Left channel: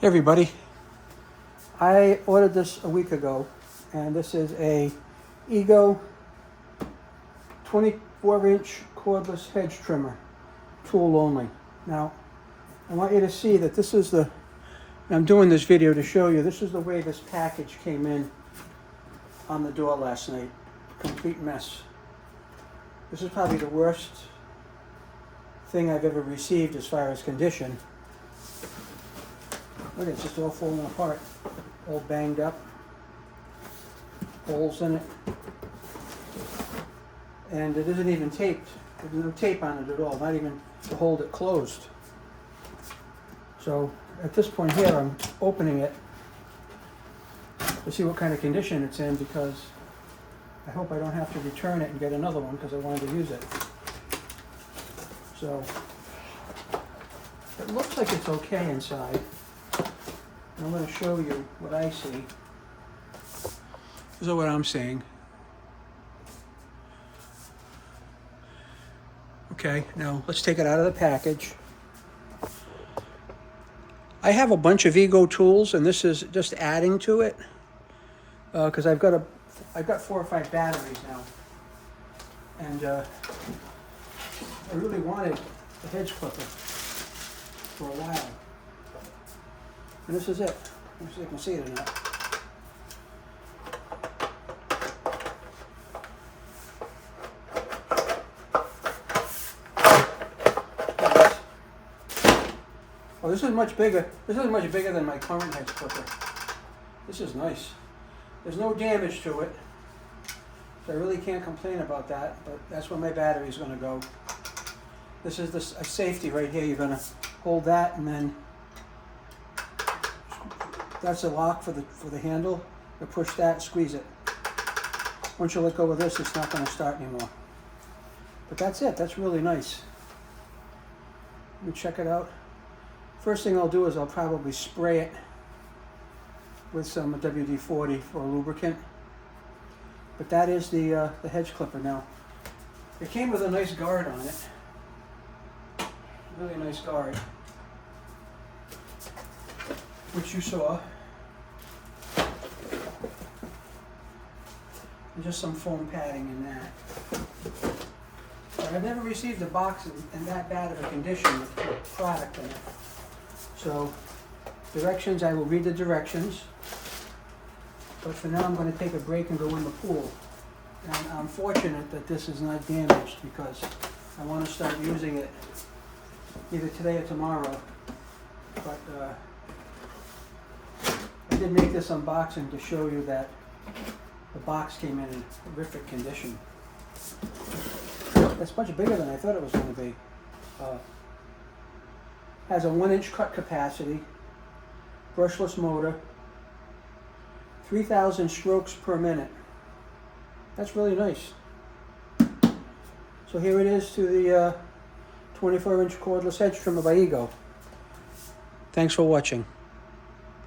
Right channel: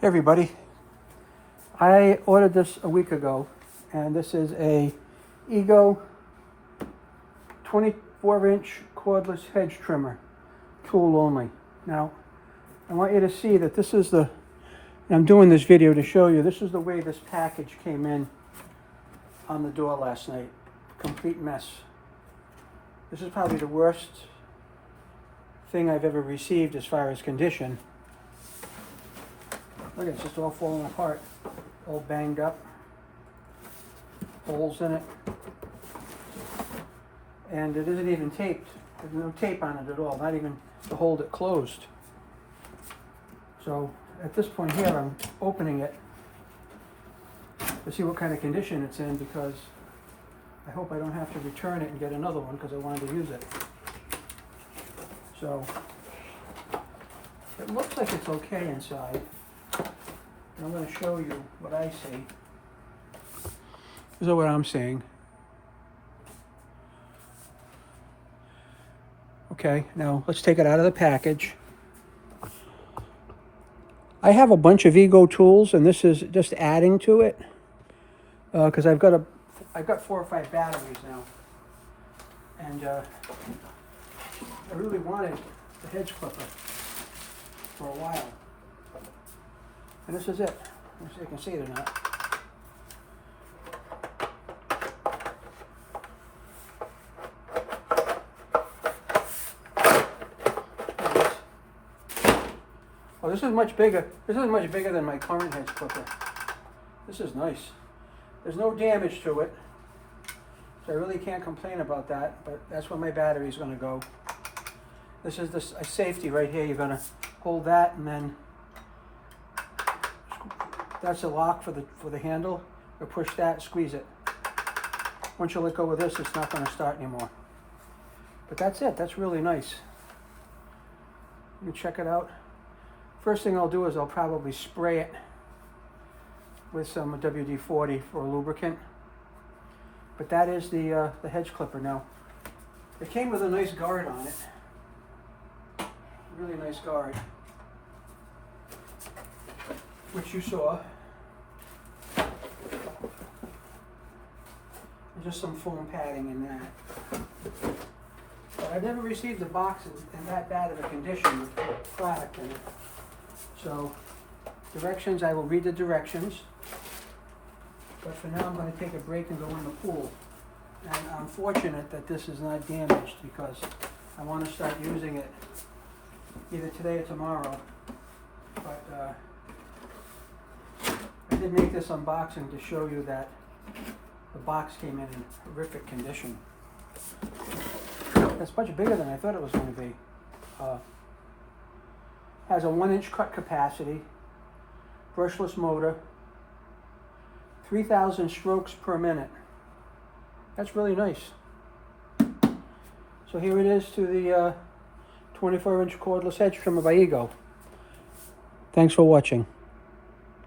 Hey everybody, I ordered this a week ago, and this is a Ego 24-inch cordless hedge trimmer, tool only. Now, I want you to see that this is I'm doing this video to show you, this is the way this package came in on the door last night. Complete mess. This is probably the worst thing I've ever received as far as condition. Look, it's just all falling apart, all banged up, holes in it, and it isn't even taped. There's no tape on it at all, not even to hold it closed. So at this point here, I'm opening it to see what kind of condition it's in, because I hope I don't have to return it and get another one because I wanted to use it. So it looks like it's okay inside. I'm going to show you what I see. This is what I'm seeing. Okay, now let's take it out of the package. I have a bunch of Ego tools, and this is just adding to it because I've got 4 or 5 batteries now, and I really wanted the hedge clipper for a while. And this is it. Let me see if you can see it or not. Oh, this is much bigger. This is much bigger than my current hedge clipper. This is nice. There's no damage to it, so I really can't complain about that. But that's where my battery is going to go. This is a safety right here. You're going to hold that, and then that's a lock for the handle. You push that, squeeze it. Once you let go of this, it's not going to start anymore. But that's it. That's really nice. Let me check it out. First thing I'll do is I'll probably spray it with some WD-40 for lubricant. But that is the hedge clipper. Now, it came with a nice guard on it. Really nice guard, which you saw. And just some foam padding in that. But I've never received a box in that bad of a condition with product in it. So, directions, I will read the directions. But for now, I'm going to take a break and go in the pool. And I'm fortunate that this is not damaged, because I want to start using it either today or tomorrow. But I did make this unboxing to show you that the box came in horrific condition. That's much bigger than I thought it was going to be. Has a 1-inch cut capacity, brushless motor, 3,000 strokes per minute. That's really nice. So here it is to the 24-inch cordless hedge trimmer by Ego. Thanks for watching.